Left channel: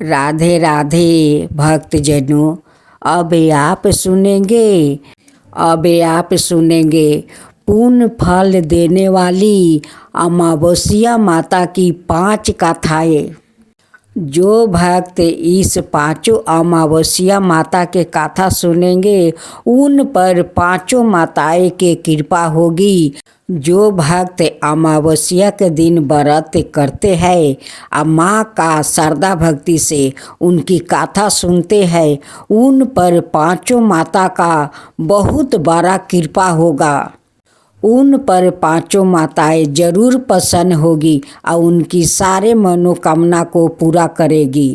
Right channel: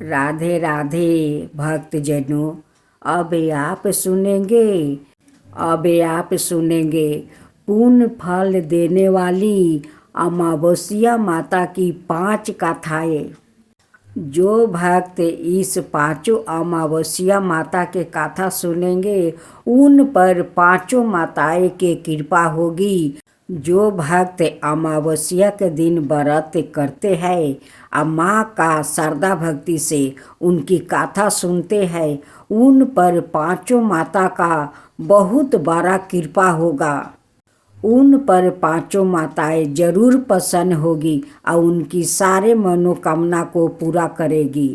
राधे राधे भक्तजनों, अब आप सुनेंगे पुण्य फल देने वाली अमावस्या माता की 5 कथाएं। जो भक्त इस 5 अमावस्या माता के कथा सुनेंगे उन पर 5 माताएं की कृपा होगी। जो भक्त अमावस्या के दिन व्रत करते हैं और माँ का श्रद्धा भक्ति से उनकी कथा सुनते हैं उन पर 5 माता का बहुत बड़ा कृपा होगा। उन पर 5 माताएं जरूर प्रसन्न होगी और उनकी सारे मनोकामना को पूरा करेगी।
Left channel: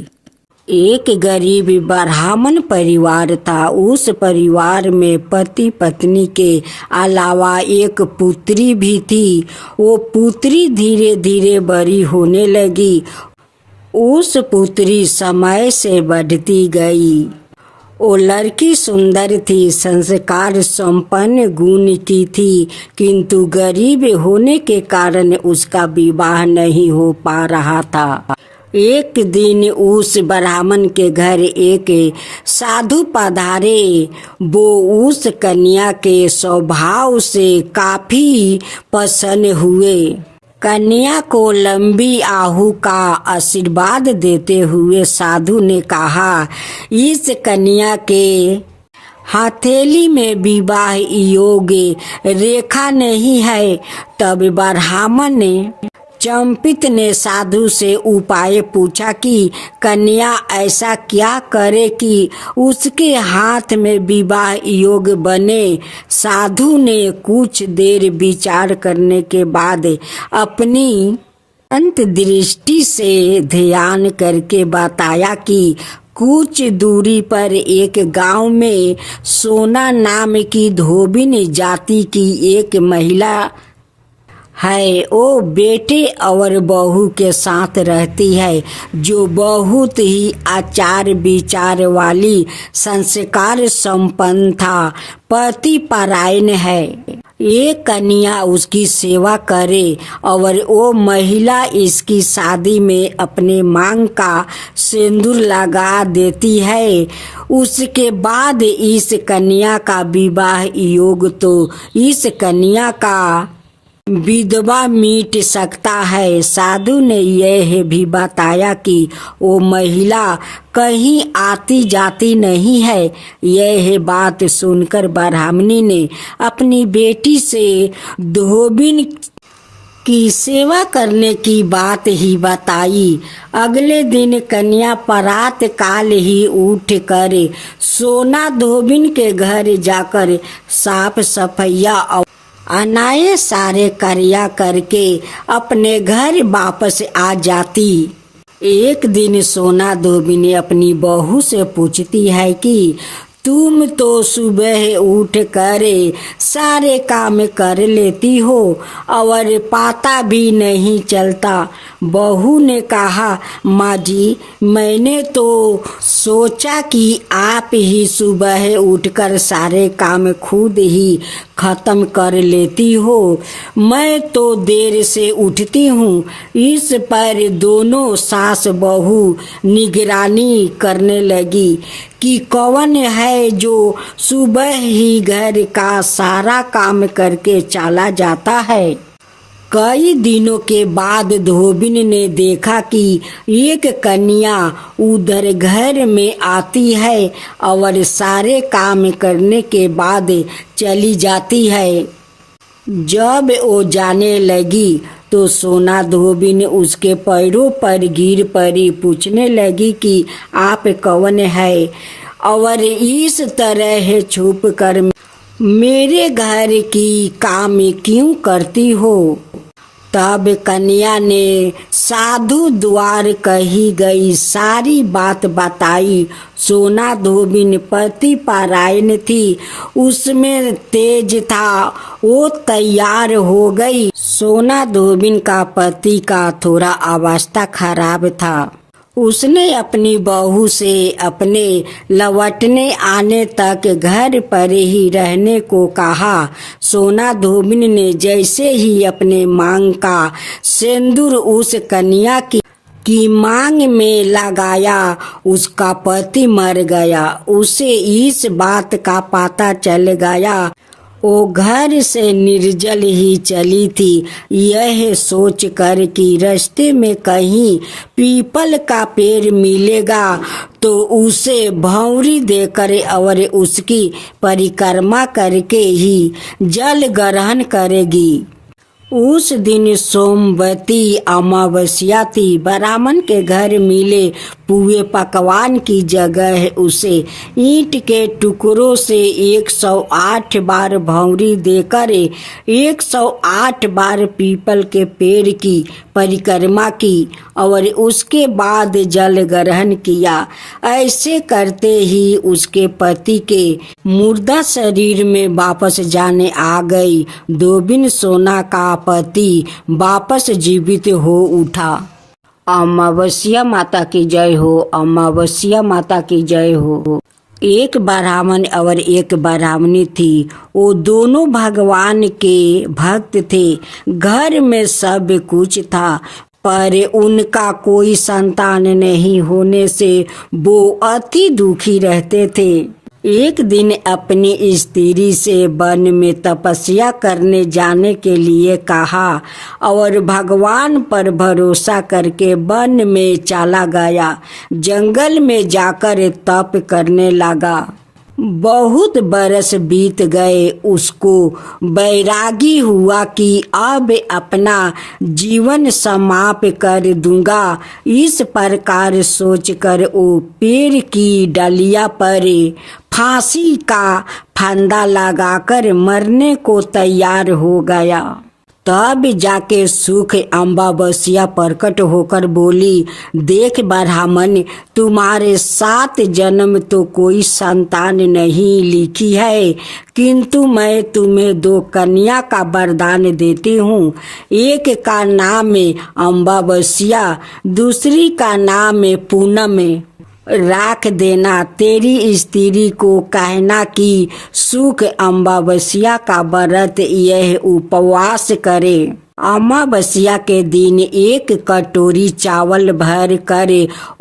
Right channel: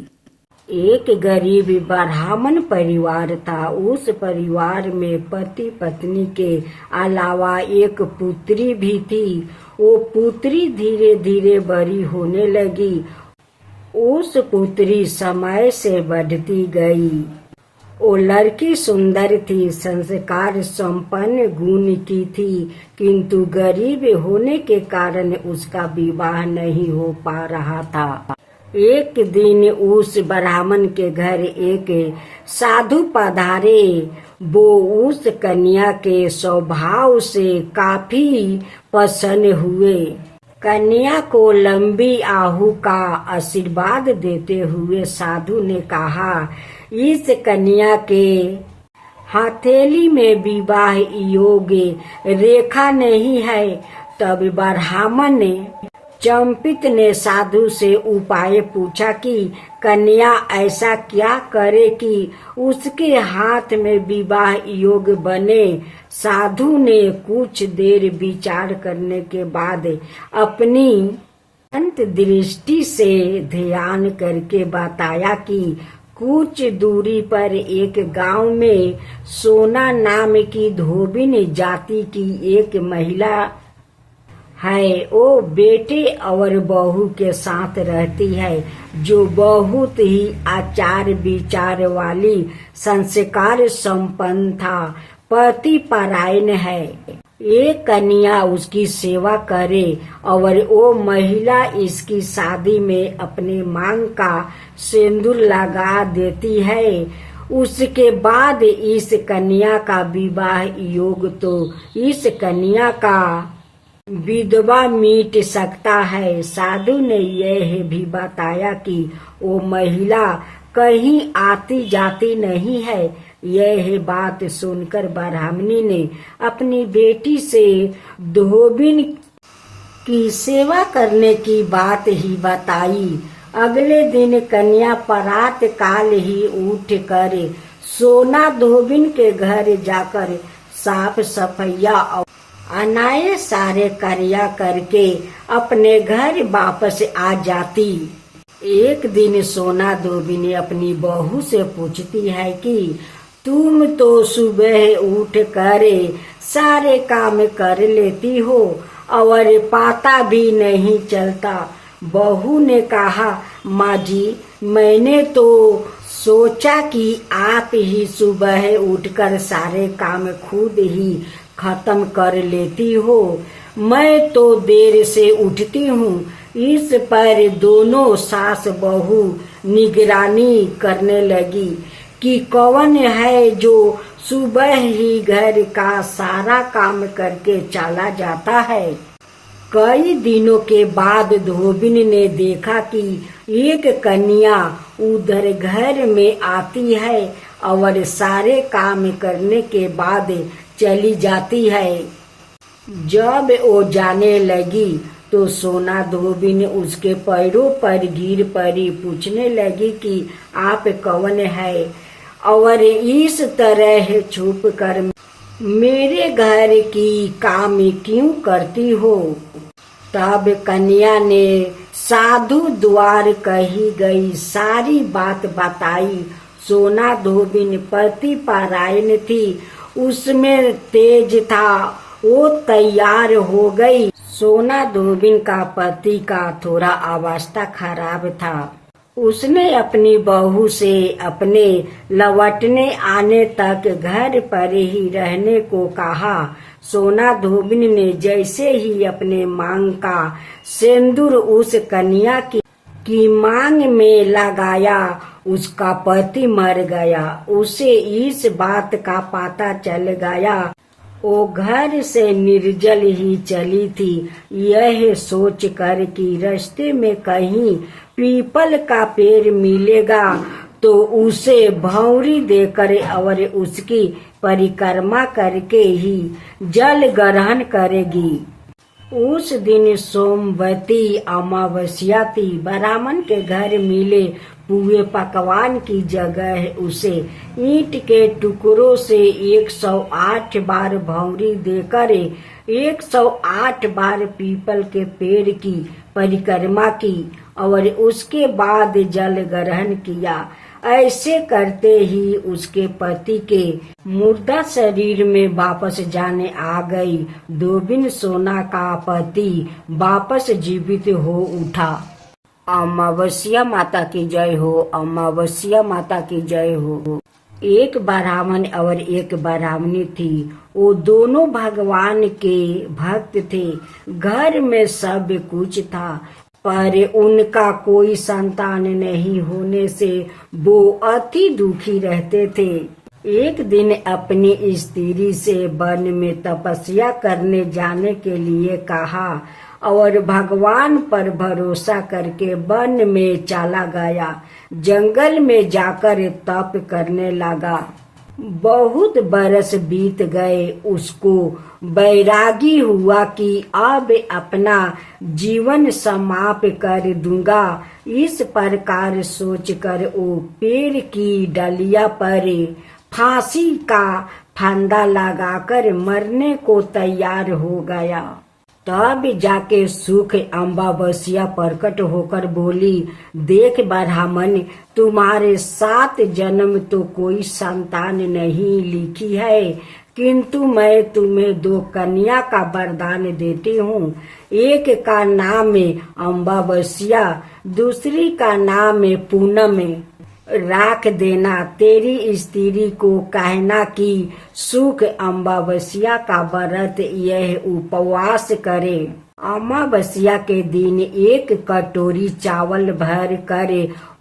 एक गरीब ब्राह्मण परिवार था। उस परिवार में पति पत्नी के अलावा एक पुत्री भी थी। वो पुत्री धीरे धीरे बड़ी होने लगी। उस पुत्री समय से बढ़ती गई। वो लड़की सुंदर थी, संस्कार संपन्न, गुण की थी, किंतु गरीब होने के कारण उसका विवाह नहीं हो पा रहा था। एक दिन उस ब्राह्मण के घर एक साधु पधारे। वो उस कन्या के स्वभाव से काफी प्रसन्न हुए। कन्या को लंबी आयु का आशीर्वाद देते हुए साधु ने कहा, इस कन्या के हथेली में विवाह योग्य रेखा नहीं है। तब ब्राह्मण ने चंपित ने साधु से उपाय पूछा कि कन्या ऐसा क्या करे कि उसके हाथ में विवाह योग्य बने। साधु ने कुछ देर विचार करने के बाद अपनी अंतर्दृष्टि से ध्यान करके बताया कि कुछ दूरी पर एक गांव में सोना नाम की धोबिन जाति की एक महिला है। वो बेटे और बहू के साथ रहती है, जो बहुत ही आचार विचार वाली, संस्कार संपन्न था, पति परायण है। ये कन्या उसकी सेवा करे और वो महिला इसकी शादी में अपने मांग का सिंदूर लगा देती है। उसके बाद इस कन्या का विवाह योग तो इस कन्या का विधवा मिट सकता है। साधु ने यह भी बताया कि वो महिला कहीं आती जाती नहीं है। यह बात सुनकर ब्राह्मणी ने अपनी बेटी से धोबिन की सेवा करने की बात ही बताई। अगले दिन कन्या प्रात काल ही उठ कर सोना धोबिन के घर जाकर साफ सफैया और अनाये सारे कार्य करके अपने घर वापस आ जाती। एक दिन सोना धोबिन अपनी बहू से पूछती है कि तुम तो सुबह उठ कर सारे काम कर लेती हो और पता भी नहीं चलता। बहू ने कहा, माँ जी, मैंने तो सोचा कि आप ही सुबह उठकर सारे काम खुद ही खत्म कर लेती हो। मैं तो देर से उठती हूँ। इस पर दोनों सास बहू निगरानी करने लगी कि कौन है जो सुबह ही घर का सारा काम करके चला जाता है। कई दिनों के बाद धोबिन ने देखा कि एक कन्या उधर घर में आती है और सारे काम करने के बाद चली जाती है। जब वो जाने लगी तो सोना धोबिन उसके पैरों पर गिर पड़ी, पूछने लगी कि आप कौन है और इस तरह छुप कर मेरे घर की काम क्यों करती हो। तब कन्या ने साधु द्वार कही गई सारी बात बताई। सोना धोबिन पति परायण थी, उसमें तेज था, वो तैयार हो गई। सोना धोबिन का पति का थोड़ा अवस्था खराब था। उसने अपनी बहू से अपने लौटने आने तक घर पर ही रहने को कहा। सोना धोबिन ने जैसे ही अपने मांग का सिंदूर उस कन्या की की मांग में लगाया, उसका पति मर गया। उसे इस बात का पता चल गया। वो घर से निर्जल ही चली थी, यह सोच कर कि रास्ते में कहीं पीपल का पेड़ मिलेगा तो उसे भौंरी देकर और उसकी परिक्रमा करके ही जल ग्रहण करेगी। उस दिन सोमवती अमावस्या थी। ब्राह्मण के घर मिले पुए पकवान की जगह उसे ईंट के टुकड़ों से 108 बार भौंरी देकर 108 बार पीपल के पेड़ की परिक्रमा की और उसके बाद जल ग्रहण किया। ऐसे करते ही उसके पति के मुर्दा शरीर में वापस जाने आ गई। धोबिन सोना का पति वापस जीवित हो उठा। अमावस्या माता की जय हो। अमावस्या माता की जय हो। एक ब्राह्मण और एक ब्राह्मणी थी। वो दोनों भगवान के भक्त थे। घर में सब कुछ था, पर उनका कोई संतान नहीं होने से वो अति दुखी रहते थे। एक दिन अपनी स्त्री से वन में तपस्या करने जाने के लिए कहा और भगवान पर भरोसा करके वन में चला गया। जंगल में जाकर तप करने लगा। बहुत बरस बीत गए। उसको वैरागी हुआ कि अब अपना जीवन समाप्त कर दूंगा। इस प्रकार सोचकर वो पेड़ की डालिया पर फांसी का फंदा लगाकर मरने को तैयार हो गया। तब जाके सुख अमावस्या प्रकट होकर बोली, देख ब्राह्मण, तुम्हारे 7 जन्म तो कोई संतान नहीं लिखी है, किंतु मैं तुम्हें 2 कन्या का वरदान देती हूँ। एक का नाम है अमावस्या, दूसरी का नाम है पूनम। राख देना। तेरी स्त्री को कहना कि सुख अमावस्या का व्रत यह उपवास करे। अमावस्या के दिन 1 कटोरी चावल भर कर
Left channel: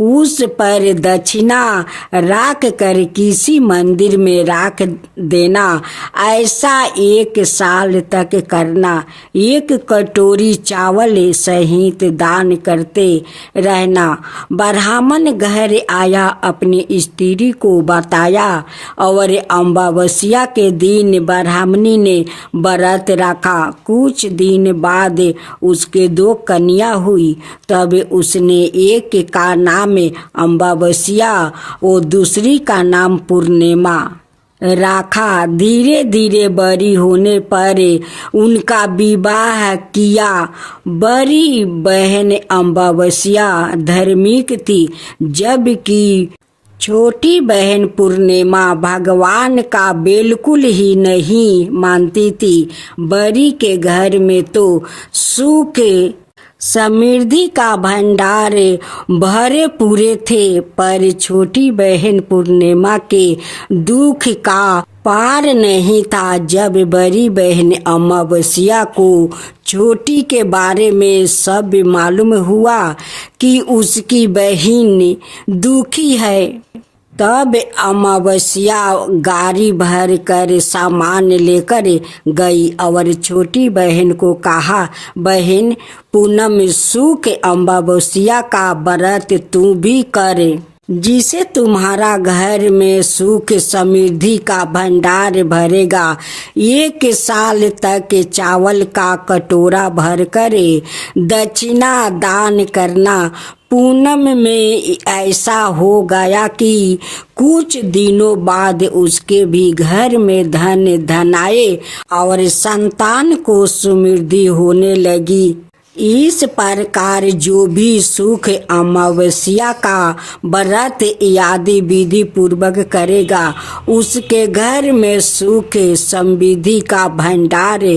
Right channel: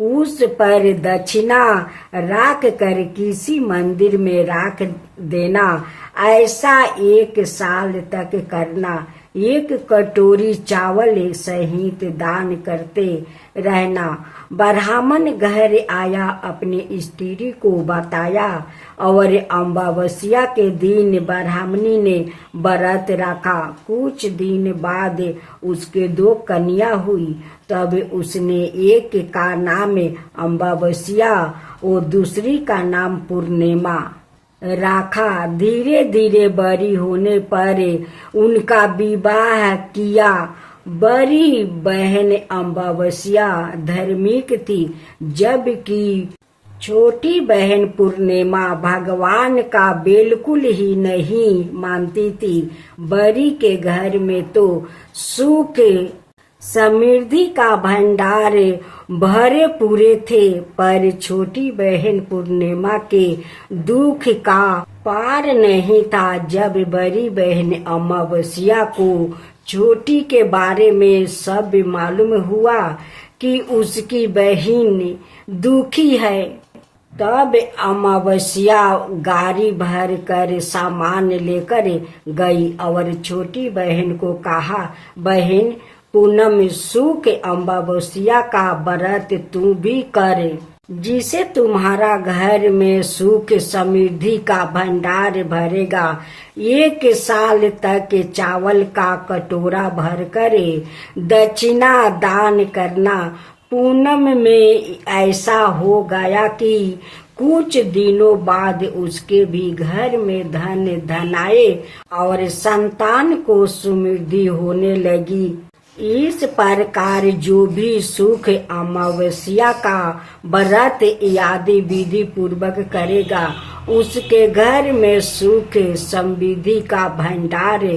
उस पर दक्षिणा रख कर किसी मंदिर में रख देना। ऐसा 1 साल तक करना। 1 कटोरी चावल सहित दान करते रहना। ब्राह्मण घर आया, अपनी स्त्री को बताया और अमावस्या के दिन ब्राह्मणी ने व्रत रखा। कुछ दिन बाद उसके 2 कन्या हुई। तब उसने एक का नाम अमावस्या और दूसरी का नाम पूर्णिमा रखा। धीरे धीरे बड़ी होने पर उनका विवाह किया। बड़ी बहन अमावस्या धार्मिक थी, जबकि छोटी बहन पूर्णिमा भगवान का बिल्कुल ही नहीं मानती थी। बड़ी के घर में तो सुख समृद्धि का भंडार भरे पूरे थे, पर छोटी बहन पूर्णिमा के दुख का पार नहीं था। जब बड़ी बहन अमावस्या को छोटी के बारे में सब मालूम हुआ कि उसकी बहन दुखी है, तब अमावस्या गाड़ी भर कर सामान लेकर गई और छोटी बहन को कहा, बहन पूनम, सुख अमावस्या का व्रत तू भी करे, जिसे तुम्हारा घर में सुख समृद्धि का भंडार भरेगा। 1 साल तक चावल का कटोरा भर कर दक्षिणा दान करना। पूनम में ऐसा हो गया कि कुछ दिनों बाद उसके भी घर में धन धनाए और संतान को समृद्धि होने लगी। इस प्रकार जो भी सुख अमावस्या का व्रत आदि विधि पूर्वक करेगा, उसके घर में सुख समृद्धि का भंडार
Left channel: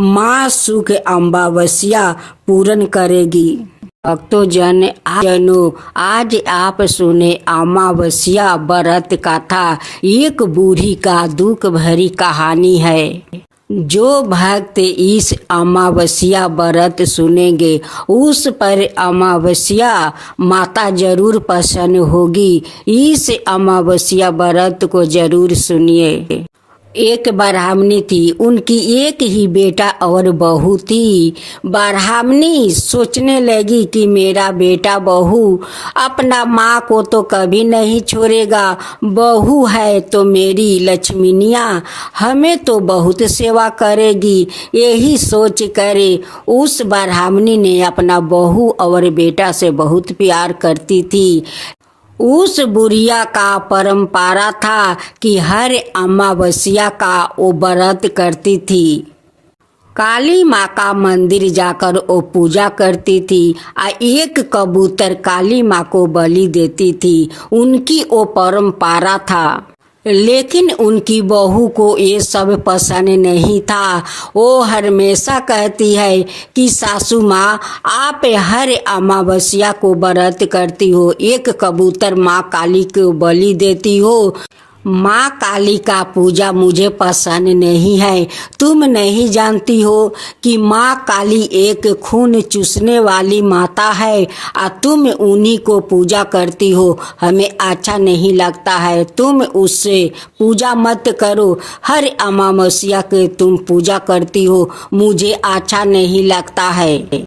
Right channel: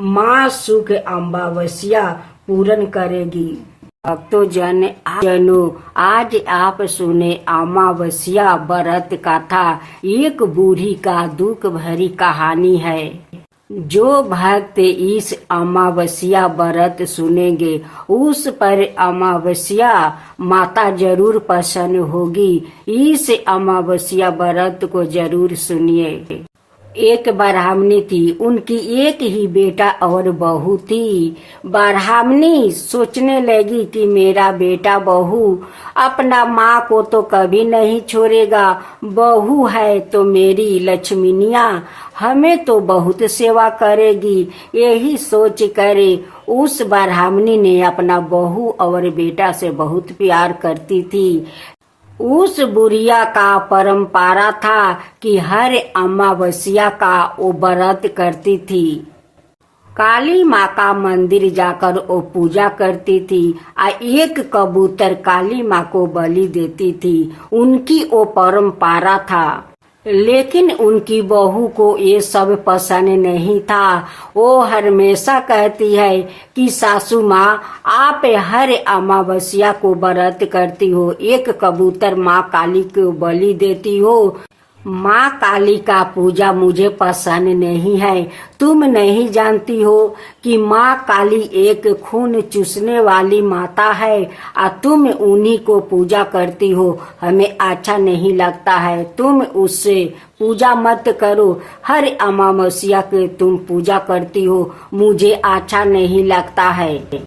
माँ सुख अमावस्या पूर्ण करेगी। भक्तों आज आप सुने अमावस्या व्रत कथा। एक बूढ़ी का दुख भरी कहानी है। जो भक्त इस अमावस्या व्रत सुनेंगे उस पर अमावस्या माता जरूर प्रसन्न होगी। इस अमावस्या व्रत को जरूर सुनिए। एक ब्राह्मणी थी, उनकी एक ही बेटा और बहू थी। ब्राह्मणी सोचने लगी कि मेरा बेटा बहू अपना माँ को तो कभी नहीं छोड़ेगा, बहू है तो मेरी लक्ष्मीनिया हमें तो बहुत सेवा करेगी। यही सोच करे उस ब्राह्मणी ने अपना बहू और बेटा से बहुत प्यार करती थी। उस बुढ़िया का परंपरा था कि हर अमावस्या का वो व्रत करती थी। काली माँ का मंदिर जाकर वो पूजा करती थी और एक कबूतर काली माँ को बलि देती थी। उनकी वो परंपरा था, लेकिन उनकी बहू को ये सब पसंद नहीं था। वो हमेशा कहती है कि सासू माँ आप हर अमावस्या को व्रत करती हो, एक कबूतर माँ काली को बलि देती हो। माँ काली का पूजा मुझे पसंद नहीं है। तुम नहीं जानती हो कि माँ काली एक खून चूसने वाली माता है और तुम उन्हीं को पूजा करती हो। हमें अच्छा नहीं लगता है, तुम उससे पूजा मत करो। हर अमावस्या के तुम पूजा करती हो, मुझे अच्छा नहीं लगता है।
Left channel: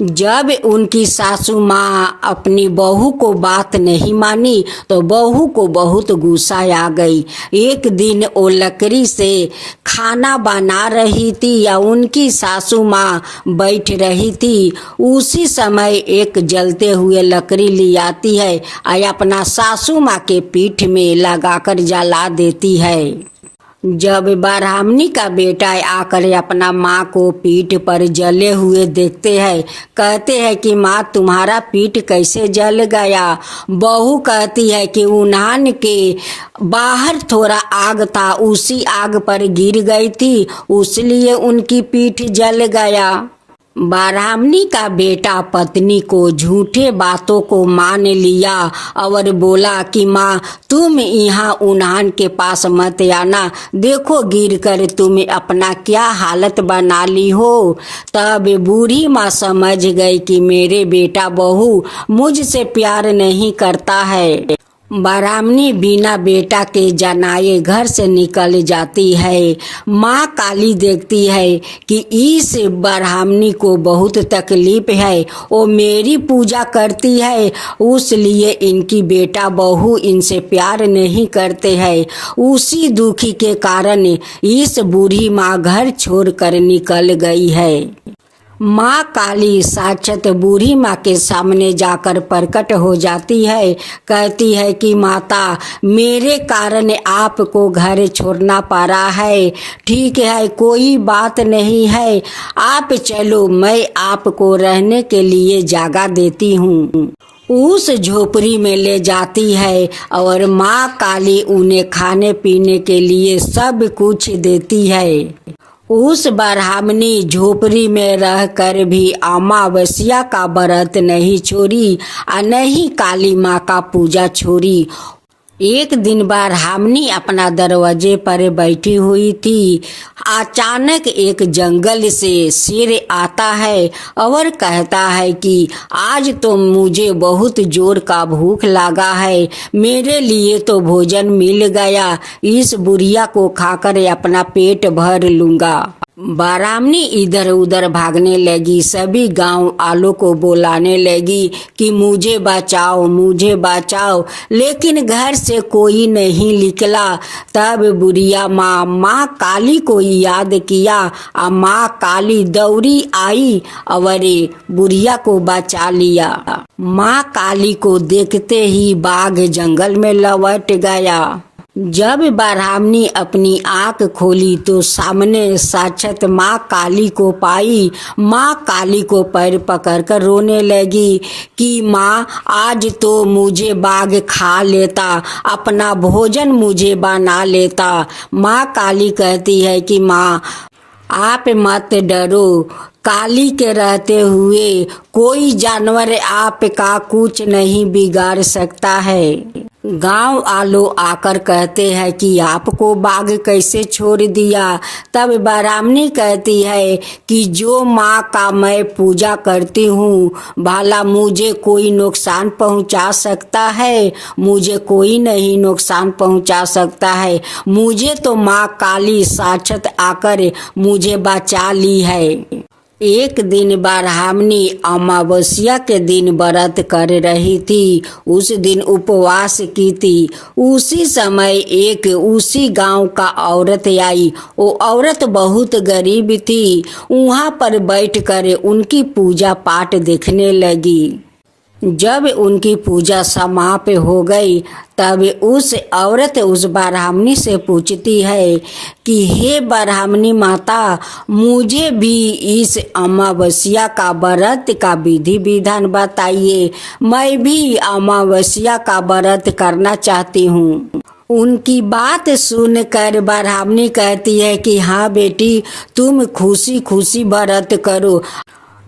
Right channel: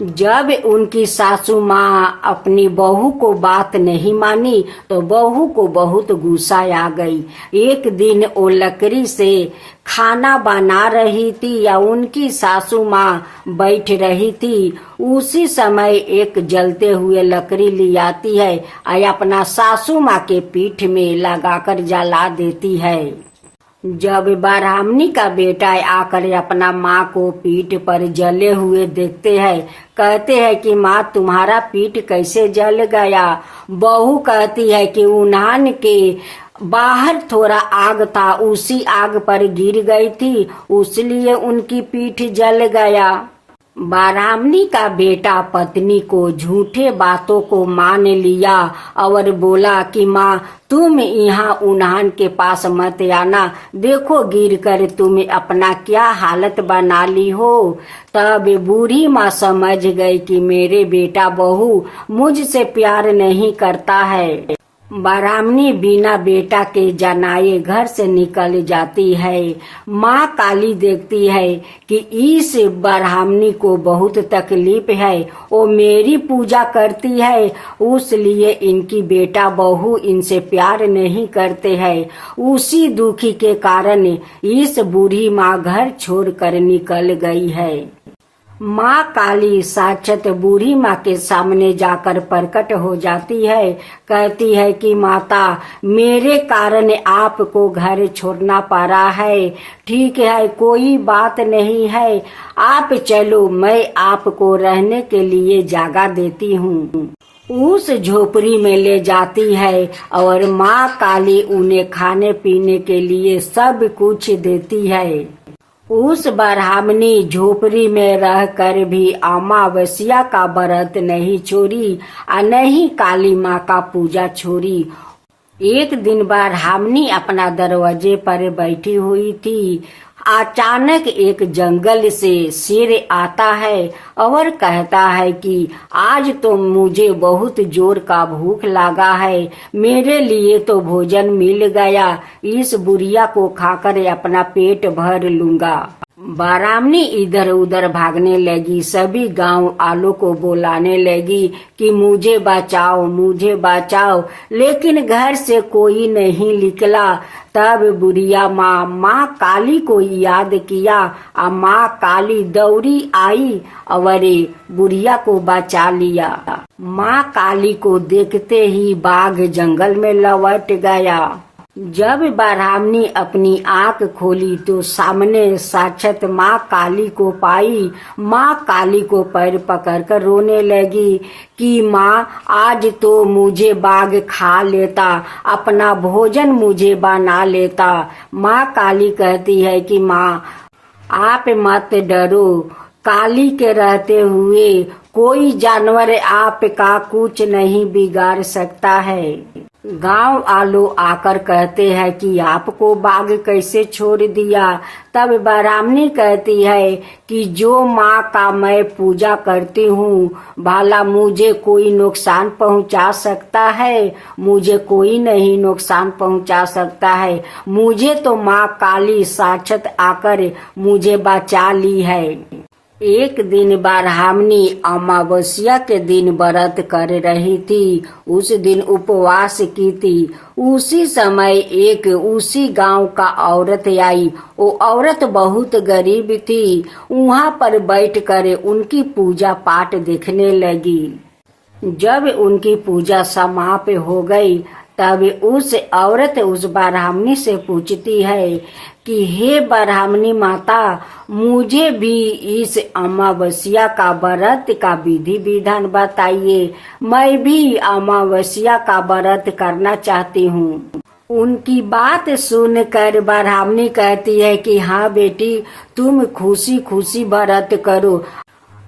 जब उनकी सासू माँ अपनी बहू को बात नहीं मानी तो बहू को बहुत गुस्सा आ गई। एक दिन वो लकड़ी से खाना बना रही थी या उनकी सासू माँ बैठ रही थी। उसी समय एक जलते हुए लकड़ी ले आती है और अपना सासू माँ के पीठ में लगाकर जला देती है। जब ब्राह्मणी का बेटा आकर अपना माँ को पीठ पर जले हुए देखते हैं, कहते हैं कि माँ तुम्हारा पीठ कैसे जल गया। बहू कहती है कि उन्हान के बाहर थोड़ा आग था, उसी आग पर गिर गई थी, उसलिए उनकी पीठ जल गया। ब्राह्मणी का बेटा पत्नी को झूठे बातों को मान लिया और बोला कि माँ तुम यहाँ उन्हान के पास मत आना, देखो गिर कर तुम अपना क्या हालत बना ली हो। तब बूढ़ी माँ समझ गई कि मेरे बेटा बहू मुझसे प्यार नहीं करता है। ब्राह्मणी बिना बेटा के जनाए घर से निकल जाती है। माँ काली देखती है कि इस ब्राह्मणी को बहुत तकलीफ है, वो मेरी पूजा करती है, उसलिए इनकी बेटा बहू इनसे प्यार नहीं करते हैं। उसी दुखी के कारण इस बूढ़ी माँ घर छोड़कर निकल गई है। माँ काली साक्षात बूढ़ी माँ के सामने जाकर प्रकट हो जाती है। कहती है कि माता मेरे कारण आपको घर छोड़ना पड़ा है, ठीक है कोई बात नहीं है, आप चलो मैं आपको रहने के लिए जगह देती हूँ। उस झोपड़ी में ले जाती है और माँ काली उन्हें खाने पीने के लिए सब कुछ देती है। उस ब्राह्मणी झोपड़ी में रहकर भी अमावस्या का व्रत नहीं छोड़ी और नहीं काली माँ का पूजा छोड़ी। एक दिन ब्राह्मणी अपना दरवाजे पर बैठी हुई थी। अचानक एक जंगल से शेर आता है और कहता है कि आज तो मुझे बहुत जोर का भूख लगा है, मेरे लिए तो भोजन मिल गया, इस बुढ़िया को खाकर अपना पेट भर लूंगा। ब्राह्मणी इधर उधर भागने लगी, सभी गांव वालों को बुलाने लगी कि मुझे बचाओ मुझे बचाओ, लेकिन घर से कोई नहीं निकला। तब बुढ़िया माँ काली को याद किया और माँ काली दौड़ी आई और बुढ़िया को बचा लिया। माँ काली को देखते ही बाघ जंगल में लौट गया। जब ब्राह्मणी अपनी आंख खोली तो सामने साक्षात माँ काली को पाई। माँ काली को पैर पकड़कर रोने लगी कि माँ आज तो मुझे बाघ खा लेता, अपना भोजन मुझे बना लेता। माँ काली कहती है कि माँ आप मत डरो, काली के रहते हुए कोई जानवर आपका कुछ नहीं बिगाड़ सकता है। गांव वालों आकर कहते हैं कि आपको बाघ कैसे छोड़ दिया। तब ब्राह्मणी कहती है कि जो माँ का मैं पूजा करती हूँ, भला मुझे कोई नुकसान पहुँचा सकता है? मुझे कोई नहीं नुकसान पहुँचा सकता है। मुझे तो माँ काली साक्षात आकर मुझे बचा ली है। एक दिन ब्राह्मणी अमावस्या के दिन व्रत कर रही थी। उस दिन उपवास की थी। उसी समय एक उसी गांव का औरत आई। वो औरत बहुत गरीब थी। वहां पर बैठकर उनकी पूजा पाठ देखने लगी। जब उनकी पूजा समाप्त हो गई तब उस औरत उस ब्राह्मणी से पूछती है कि हे ब्राह्मणी माता, मुझे भी इस अमावस्या का व्रत का विधि विधान बताइए। मैं भी अमावस्या का व्रत करना चाहती हूँ। उनकी बात सुनकर ब्राह्मणी कहती है कि हाँ बेटी, तुम खुशी खुशी व्रत करो।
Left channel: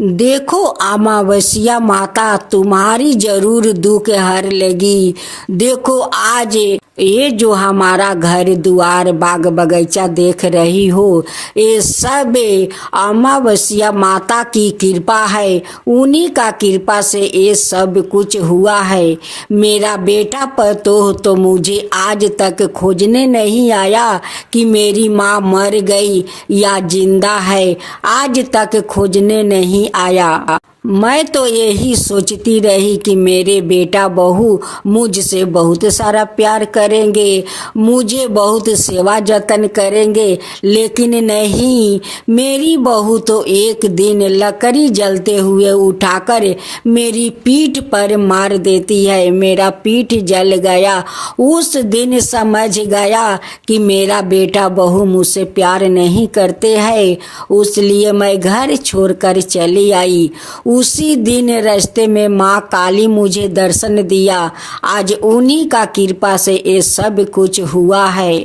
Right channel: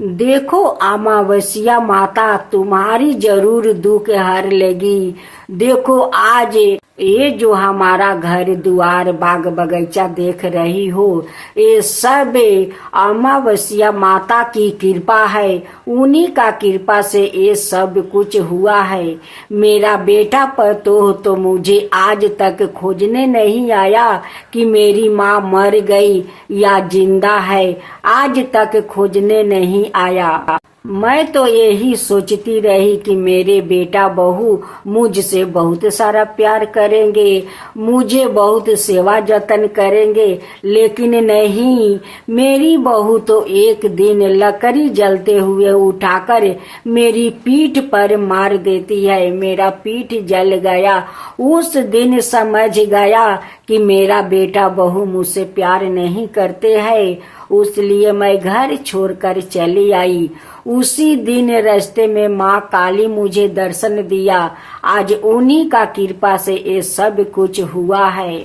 देखो अमावस्या माता तुम्हारी जरूर दुख हर लेगी। देखो आज ये जो हमारा घर द्वार बाग बगीचा देख रही हो, ये सब अमावस्या माता की कृपा है। उन्हीं का कृपा से ये सब कुछ हुआ है। मेरा बेटा पतोह तो मुझे आज तक खोजने नहीं आया कि मेरी माँ मर गई या जिंदा है। आज तक खोजने नहीं आया। मैं तो यही सोचती रही कि मेरे बेटा बहू मुझसे बहुत सारा प्यार करेंगे, मुझे बहुत सेवा जतन करेंगे, लेकिन नहीं, मेरी बहू तो एक दिन लकड़ी जलते हुए उठाकर मेरी पीठ पर मार देती है। मेरा पीठ जल गया। उस दिन समझ गया कि मेरा बेटा बहू मुझसे प्यार नहीं करते हैं। इसलिए मैं घर छोड़कर चली आई। उसी दिन रास्ते में माँ काली मुझे दर्शन दिया। आज उन्हीं का कृपा से ये सब कुछ हुआ है।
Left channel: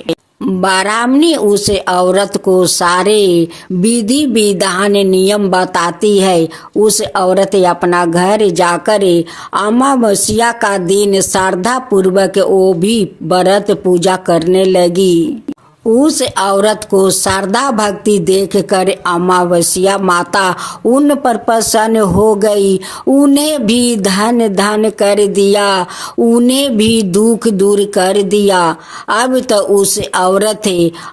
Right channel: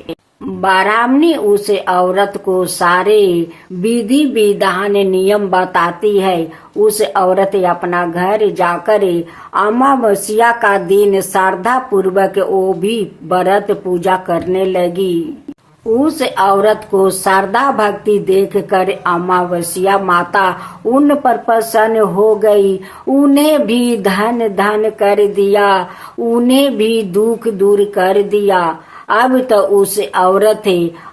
ब्राह्मणी उस औरत को सारे विधि विधान नियम बताती है। उस औरत अपना घर जाकर अमावस्या का दिन श्रद्धा पूर्वक वो भी व्रत पूजा करने लगी। उस औरत को श्रद्धा भक्ति देखकर अमावस्या माता उन पर प्रसन्न हो गई। उन्हें भी धन धन कर दिया, उन्हें भी दुख दूर कर दिया। अब तो उस औरत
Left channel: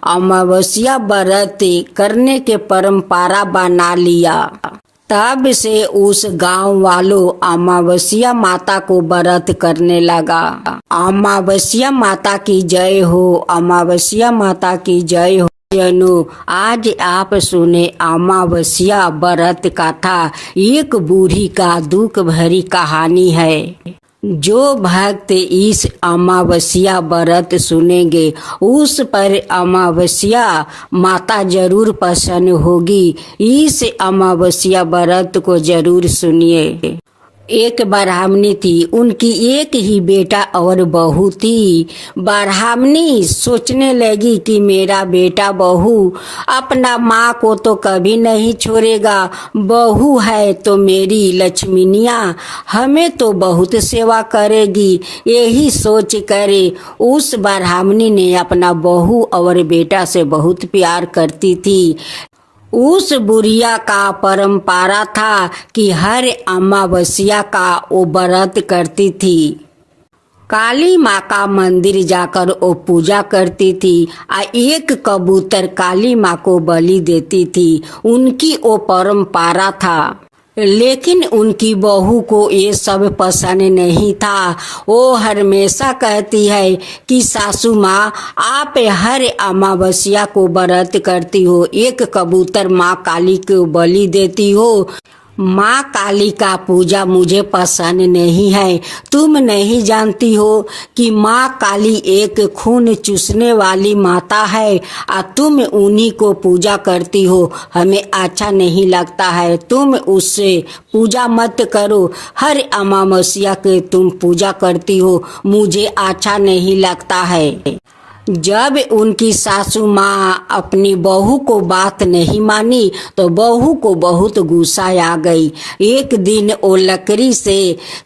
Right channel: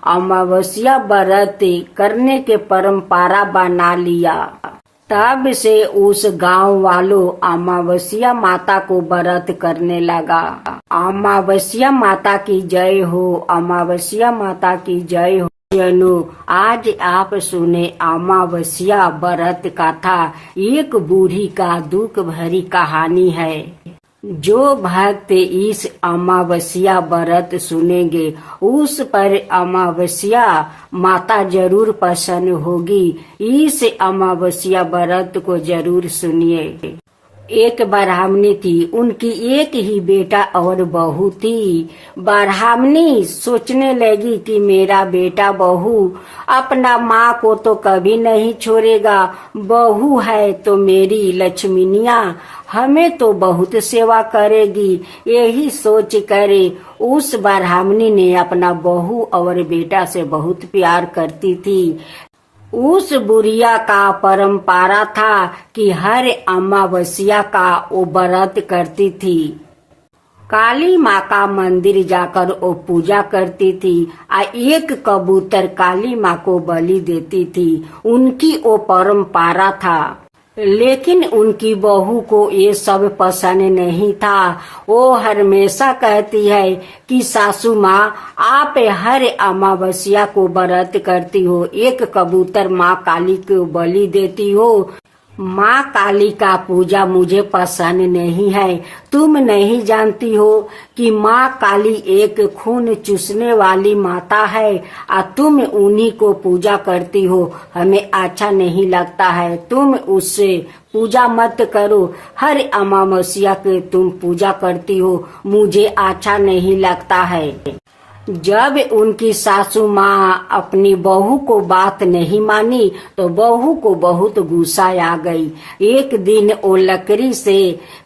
अमावस्या व्रत करने के परंपरा बना लिया। तब से उस गांव वालों अमावस्या माता को व्रत करने लगा। अमावस्या माता की जय हो, अमावस्या माता की जय हो। आज आप सुने अमावस्या व्रत कथा। एक बूढ़ी का दुख भरी कहानी है। जो भक्त इस अमावस्या व्रत सुनेंगे उस पर अमावस्या माता जरूर प्रसन्न होगी। इस अमावस्या व्रत को जरूर सुनिए। एक ब्राह्मणी थी, उनकी एक ही बेटा और बहू थी। ब्राह्मणी सोचने लगी कि मेरा बेटा बहू अपना माँ को तो कभी नहीं छोड़ेगा। बहू है तो मेरी लक्ष्मीनिया हमें तो बहुत सेवा करेगी। यही सोच कर उस ब्राह्मणी ने अपना बहू और बेटा से बहुत प्यार करती थी। उस बुढ़िया का परंपरा था कि हर अमावस्या का वो व्रत करती थी। काली माँ का मंदिर जाकर वो पूजा करती थी। एक कबूतर काली माँ को बलि देती थी। उनकी वो परंपरा था। लेकिन उनकी बहू को ये सब पसंद नहीं था। वो हमेशा कहती है कि सासू माँ, आप हर अमावस्या को व्रत करती हो, एक कबूतर माँ काली को बलि देती हो। माँ काली का पूजा मुझे पसंद नहीं है। तुम नहीं जानती हो कि माँ काली एक खून चूसने वाली माता है और तुम उन्हीं को पूजा करती हो। हमें अच्छा नहीं लगता है। तुम उससे पूजा मत करो। हर अमावस्या के तुम पूजा करती हो, मुझे अच्छा नहीं लगता है। जब उनकी सासू माँ अपनी बहू को बात नहीं मानी तो बहू को बहुत गुस्सा आ गई। एक दिन वो लकड़ी से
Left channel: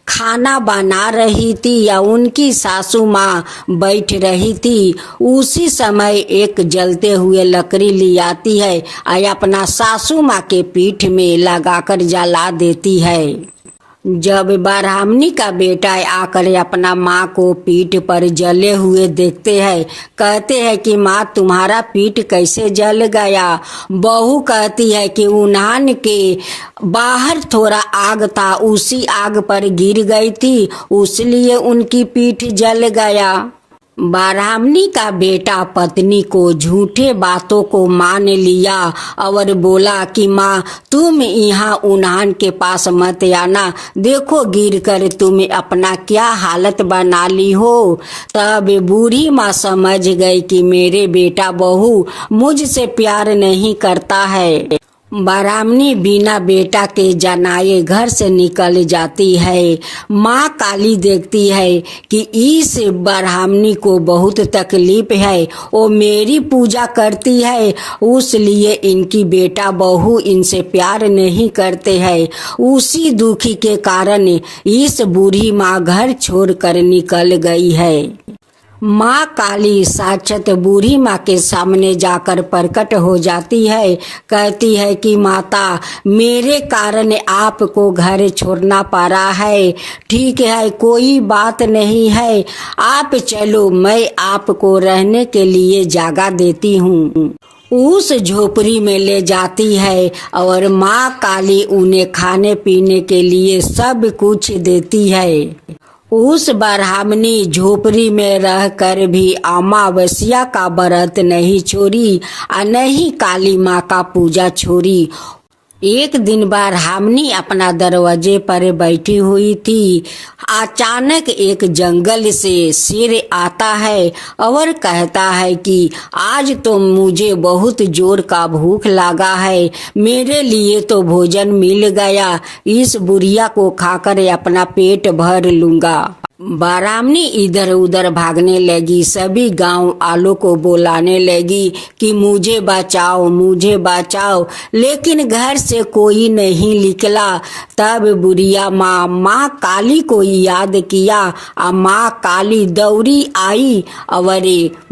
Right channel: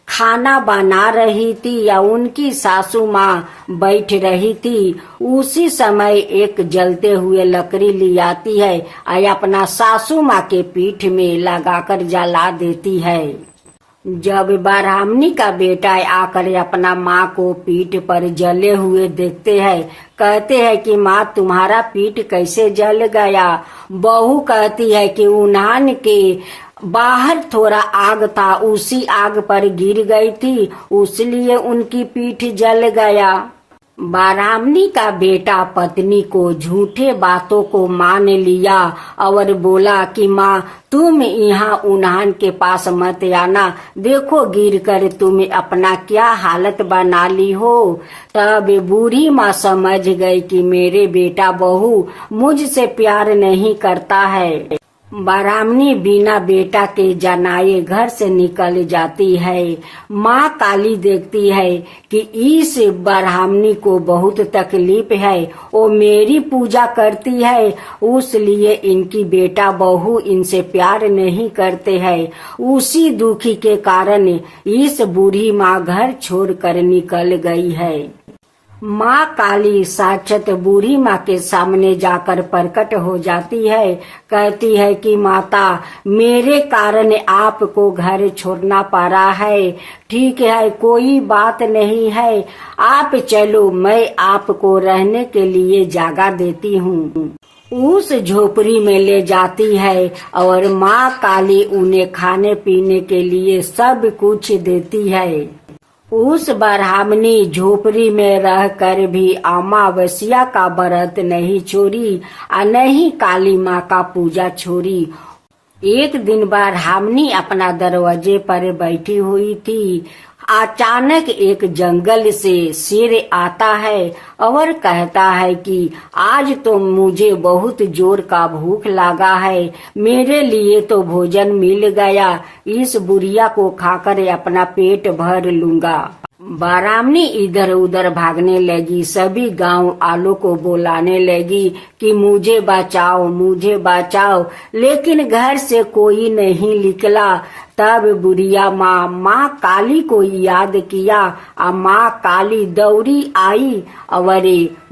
खाना बना रही थी या उनकी सासू माँ बैठ रही थी। उसी समय एक जलते हुए लकड़ी ले आती है और अपना सासू माँ के पीठ में लगाकर जला देती है। जब ब्राह्मणी का बेटा आकर अपना माँ को पीठ पर जले हुए देखते हैं, कहते हैं कि माँ तुम्हारा पीठ कैसे जल गया। बहू कहती है कि उन्हान के बाहर थोड़ा आग था, उसी आग पर गिर गई थी, इसलिए उनकी पीठ जल गया। ब्राह्मणी का बेटा पत्नी को झूठे बातों को मान लिया और बोला कि माँ तुम यहाँ उन्हान के पास मत आना, देखो गिर कर तुम अपना क्या हालत बना ली हो। तब बूढ़ी माँ समझ गई कि मेरे बेटा बहू मुझसे प्यार नहीं करता है। ब्राह्मणी बिना बेटा के जनाए घर से निकल जाती है। माँ काली देखती है कि इस ब्राह्मणी को बहुत तकलीफ है, वो मेरी पूजा करती है, उसलिए इनकी बेटा बहू इनसे प्यार नहीं करते हैं। उसी दुखी के कारण इस बूढ़ी माँ घर छोड़कर निकल गई है। माँ काली साक्षात बूढ़ी माँ के सामने जाकर प्रकट हो जाती है। कहती है कि माता मेरे कारण आपको घर छोड़ना पड़ा है, ठीक है कोई बात नहीं है, आप चलो मैं आपको रहने के लिए जगह देती हूँ। उस झोपड़ी में ले जाती है और माँ काली उन्हें खाने पीने के लिए सब कुछ देती है। उस ब्राह्मणी झोपड़ी में रहकर भी अमावस्या का व्रत नहीं छोड़ी और नहीं काली माँ का पूजा छोड़ी। एक दिन ब्राह्मणी अपना दरवाजे पर बैठी हुई थी। अचानक एक जंगल से शेर आता है और कहता है कि आज तो मुझे बहुत जोर का भूख लगा है, मेरे लिए तो भोजन मिल गया, इस बुढ़िया को खाकर अपना पेट भर लूंगा। ब्राह्मणी इधर उधर भागने लगी, सभी गांव वालों को बुलाने लगी कि मुझे बचाओ मुझे बचाओ, लेकिन घर से कोई नहीं निकला। तब बुढ़िया माँ काली को याद किया और माँ काली दौड़ी आई और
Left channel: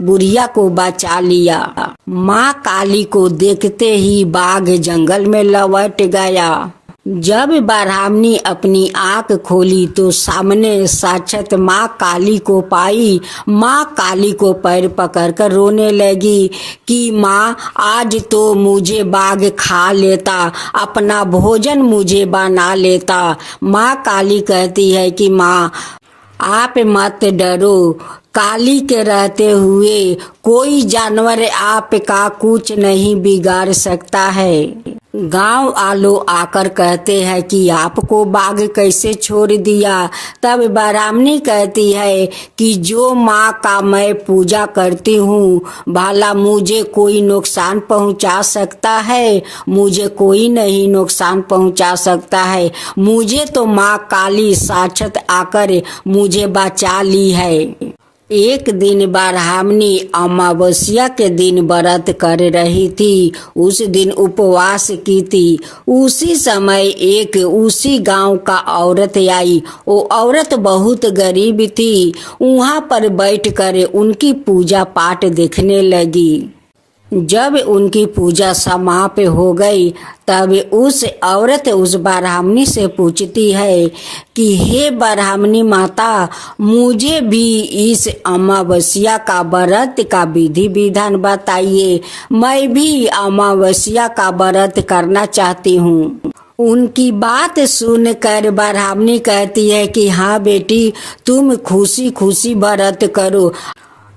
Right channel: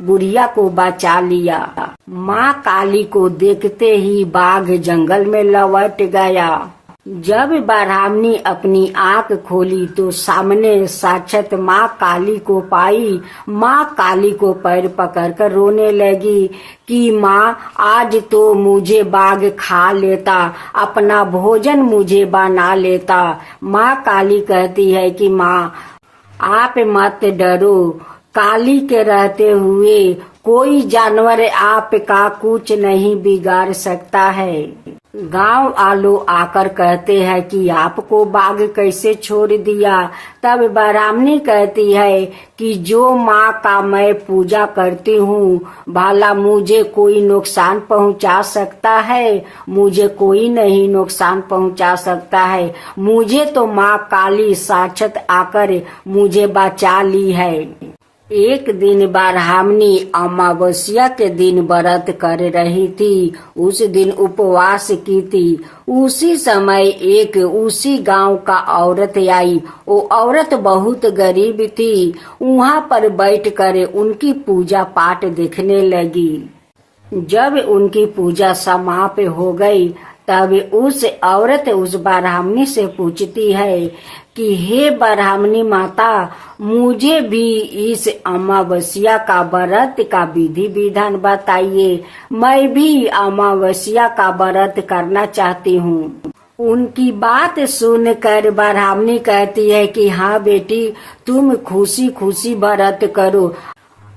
बुढ़िया को बचा लिया। माँ काली को देखते ही बाघ जंगल में लौट गया। जब ब्राह्मणी अपनी आंख खोली तो सामने साक्षात माँ काली को पाई। माँ काली को पैर पकड़कर रोने लगी कि माँ आज तो मुझे बाघ खा लेता, अपना भोजन मुझे बना लेता। माँ काली कहती है कि माँ आप मत डरो, काली के रहते हुए कोई जानवर आपका कुछ नहीं बिगाड़ सकता है। गांव वालों आकर कहते हैं कि आपको बाघ कैसे छोड़ दिया। तब ब्राह्मणी कहती है कि जो माँ का मैं पूजा करती हूँ, भला मुझे कोई नुकसान पहुँचा सकता है? मुझे कोई नहीं नुकसान पहुँचा सकता है, मुझे तो माँ काली साक्षात आकर मुझे बचा ली है। एक दिन ब्राह्मणी अमावस्या के दिन व्रत कर रही थी। उस दिन उपवास की थी। उसी समय एक उसी गांव का औरत आई। वो औरत बहुत गरीब थी। वहां पर बैठकर उनकी पूजा पाठ देखने लगी। जब उनकी पूजा समाप्त हो गई तब उस औरत उस ब्राह्मणी से पूछती है कि हे ब्राह्मणी माता, मुझे भी इस अमावस्या का व्रत का विधि विधान बताइए, मैं भी अमावस्या का व्रत करना चाहती हूँ। उनकी बात सुनकर ब्राह्मणी कहती है कि हाँ बेटी, तुम खुशी खुशी व्रत करो।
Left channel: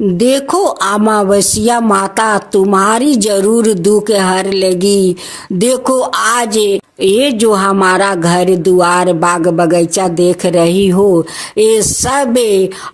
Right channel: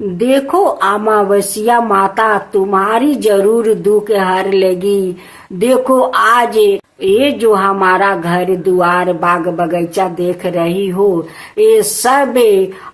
देखो अमावस्या माता तुम्हारी जरूर दुख हर लेगी। देखो आज ये जो हमारा घर द्वार बाग बगीचा देख रही हो, ये सब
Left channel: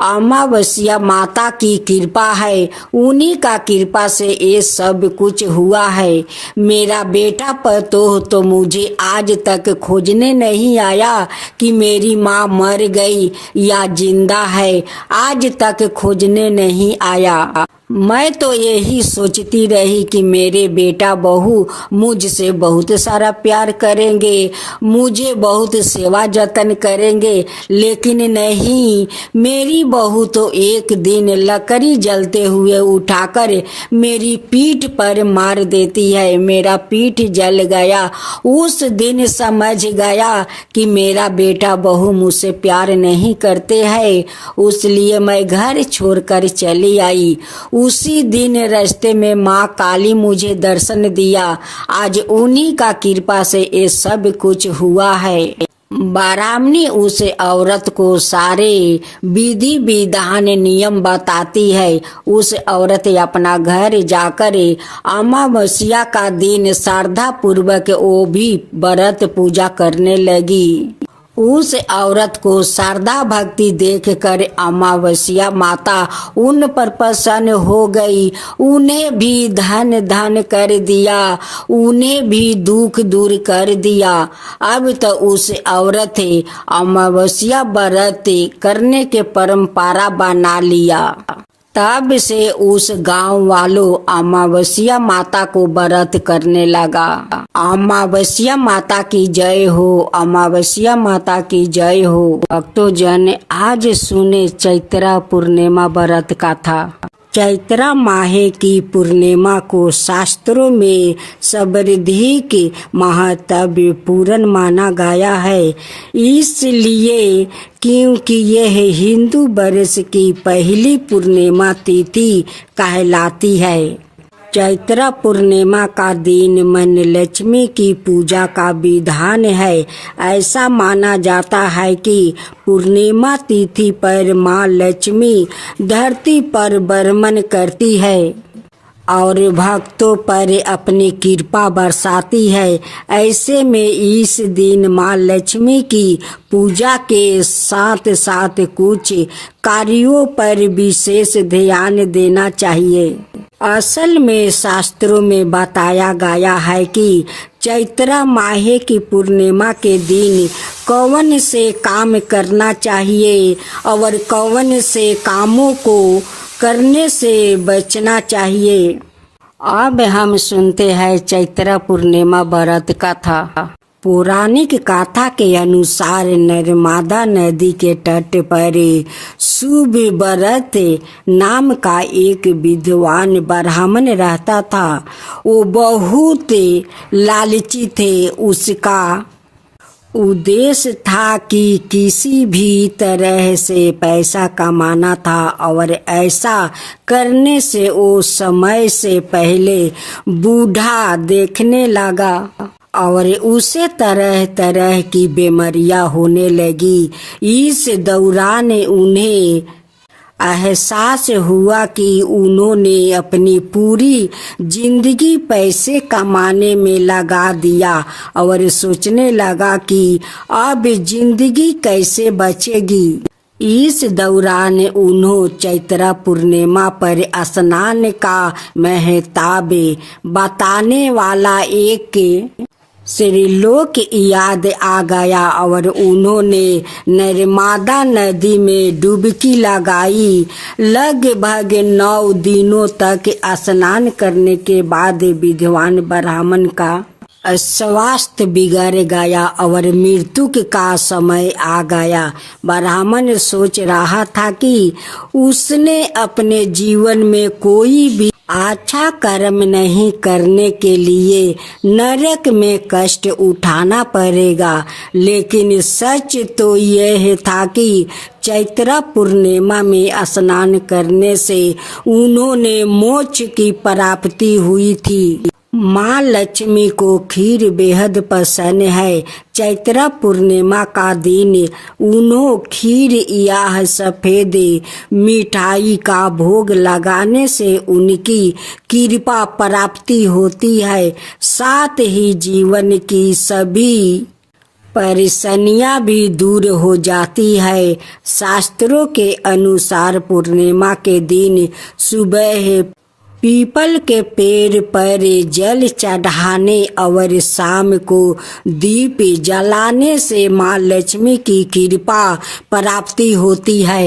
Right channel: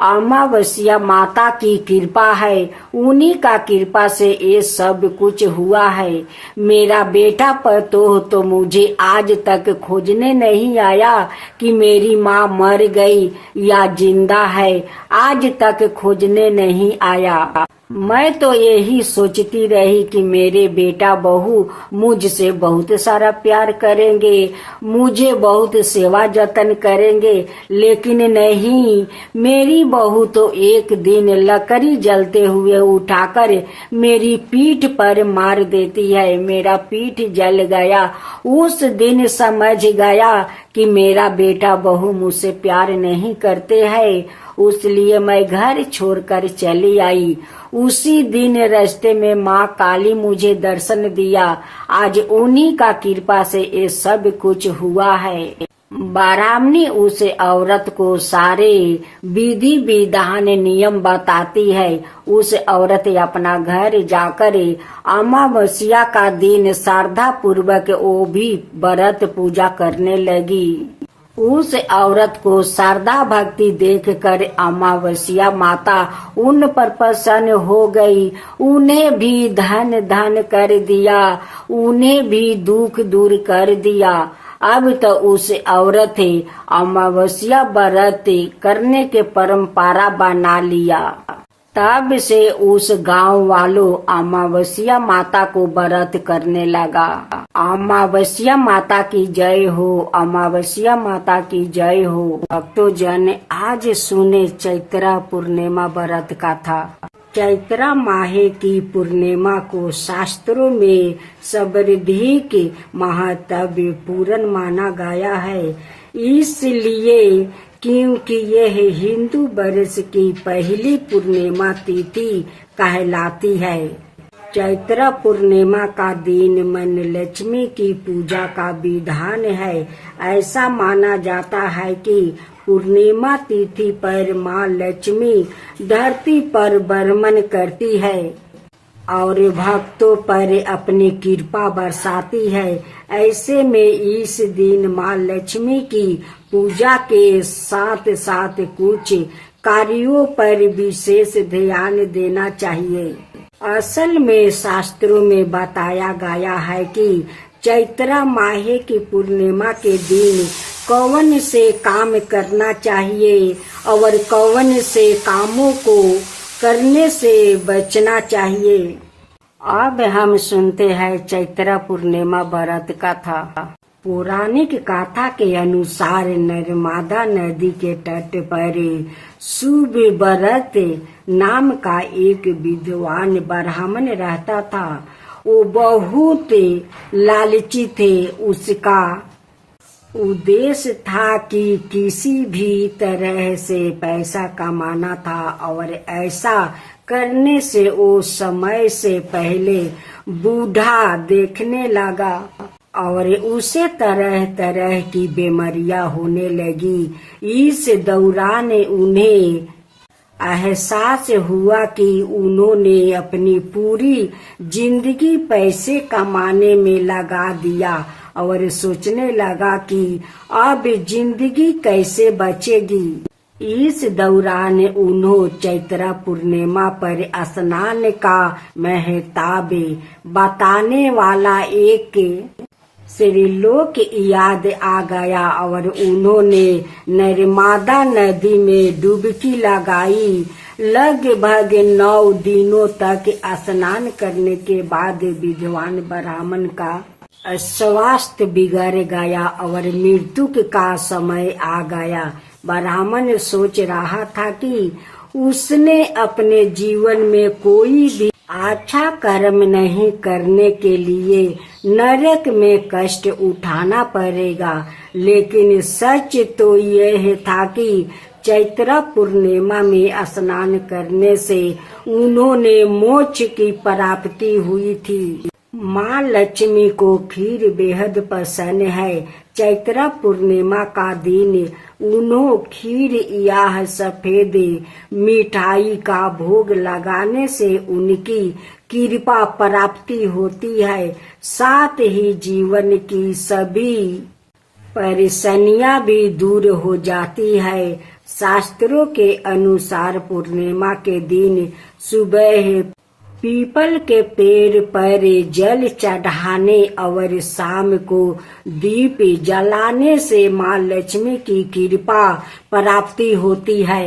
अमावस्या माता की कृपा है। उन्हीं का कृपा से ये सब कुछ हुआ है। मेरा बेटा पतोह तो मुझे आज तक खोजने नहीं आया कि मेरी माँ मर गई या जिंदा है, आज तक खोजने नहीं आया। मैं तो यही सोचती रही कि मेरे बेटा बहू मुझसे बहुत सारा प्यार करेंगे, मुझे बहुत सेवा जतन करेंगे, लेकिन नहीं, मेरी बहू तो एक दिन लकड़ी जलते हुए उठाकर मेरी पीठ पर मार देती है। मेरा पीठ जल गया। उस दिन समझ गया कि मेरा बेटा बहू मुझसे प्यार नहीं करते हैं, इसलिए मैं घर छोड़कर चली आई। उसी दिन रास्ते में माँ काली मुझे दर्शन दिया। आज उन्हीं का कृपा से ये सब कुछ हुआ है। ब्राह्मणी उस औरत को सारे विधि विधान नियम बताती है। उस औरत अपना घर जाकर अमावस्या का दिन श्रद्धा पूर्वक वो भी व्रत पूजा करने लगी। उस औरत को श्रद्धा भक्ति देखकर अमावस्या माता उन पर प्रसन्न हो गई। उन्हें भी धन धन कर दिया, उन्हें भी दुख दूर कर दिया। अब तो उस औरत अमावस्या व्रत करने के परंपरा बना लिया। तब से उस गांव वालों अमावस्या माता को व्रत करने लगा। अमावस्या माता की जय हो, अमावस्या माता की जय हो। भक्तों जन आज सुने चैत्रा पूर्णिमा व्रत कथा। चैत्रा माहे की पूर्णिमा को शास्त्रों में सर्वाधिक महत्वपूर्ण माना गया है, इसलिए क्योंकि यह हिंदू वर्ष की पहली पूर्णिमा तिथि कहलाती है। चैत्रा पूर्णिमा का दिन मन लक्ष्मी की पूजा का विधान है। ऐसा माना जाता है कि पूर्णिमा तिथि पर माँ लक्ष्मी धरती पर भ्रमण करती है और भक्तों पर अपनी कृपा बरसाती है। ऐसे में इस दिन माँ लक्ष्मी की पूजा के साथ साथ कुछ कार्यों पर विशेष ध्यान देना चाहिए। असल में शास्त्रों में बताया गया है कि चैत्रा माहे की पूर्णिमा के दिन कौन से काम करना चाहिए और कौन से कामों को करने से बचना चाहिए। अब हम सुनते हैं चैत्रा पूर्णिमा व्रत कथा। पौराणिक कथा के अनुसार नर्मदा नदी के तट पर सुव्रत नाम का एक विद्वान ब्राह्मण रहता था। वो बहुत लालची थे। उसका उद्देश्य था कि किसी भी तरह से पैसा कमाना था और ऐसा करने से वो समय से पहले बूढ़ा देखने लगा और उसे तरह तरह की बीमारियां होने लगी। इस दौरान उन्हें एहसास हुआ कि उन्होंने अपनी पूरी जिंदगी पैसे कमाने में लगा दिया और सोचने लगा कि अब जिंदगी कैसे बचेगी। इस दौरान उन्होंने चैत्रा पूर्णिमा पर स्नान का महत्व बताने वाला एक श्रीलोक याद आ गया और उन्होंने नर्मदा नदी में डुबकी लगाई। लगभग 9 दिनों तक स्नान करने के बाद विद्वान ब्राह्मण का स्वास्थ्य बिगड़ गया और मृत्यु का समय आ गया। ब्राह्मण सोच रहा था कि उसने अपने जीवन में कोई भी अच्छा कर्म नहीं करने के लिए नरक में कष्ट उठाना पड़ेगा, लेकिन सच तो यह था कि चैत्रा पूर्णिमा में स्नान करने से उन्होंने मोक्ष की प्राप्ति हुई थी। माँ लक्ष्मी को खीर बेहद पसंद है। चैत्रा पूर्णिमा का दिन उन्हों खीर या सफेद मिठाई का भोग लगाने से उनकी कृपा प्राप्ति होती है। साथ ही जीवन की सभी परेशानियां भी दूर हो जाती है। शास्त्रों के अनुसार पूर्णिमा के दिन सुबह पीपल के पेड़ पर जल चढ़ाने और शाम को दीप जलाने से माँ लक्ष्मी की कृपा प्राप्ति होती है।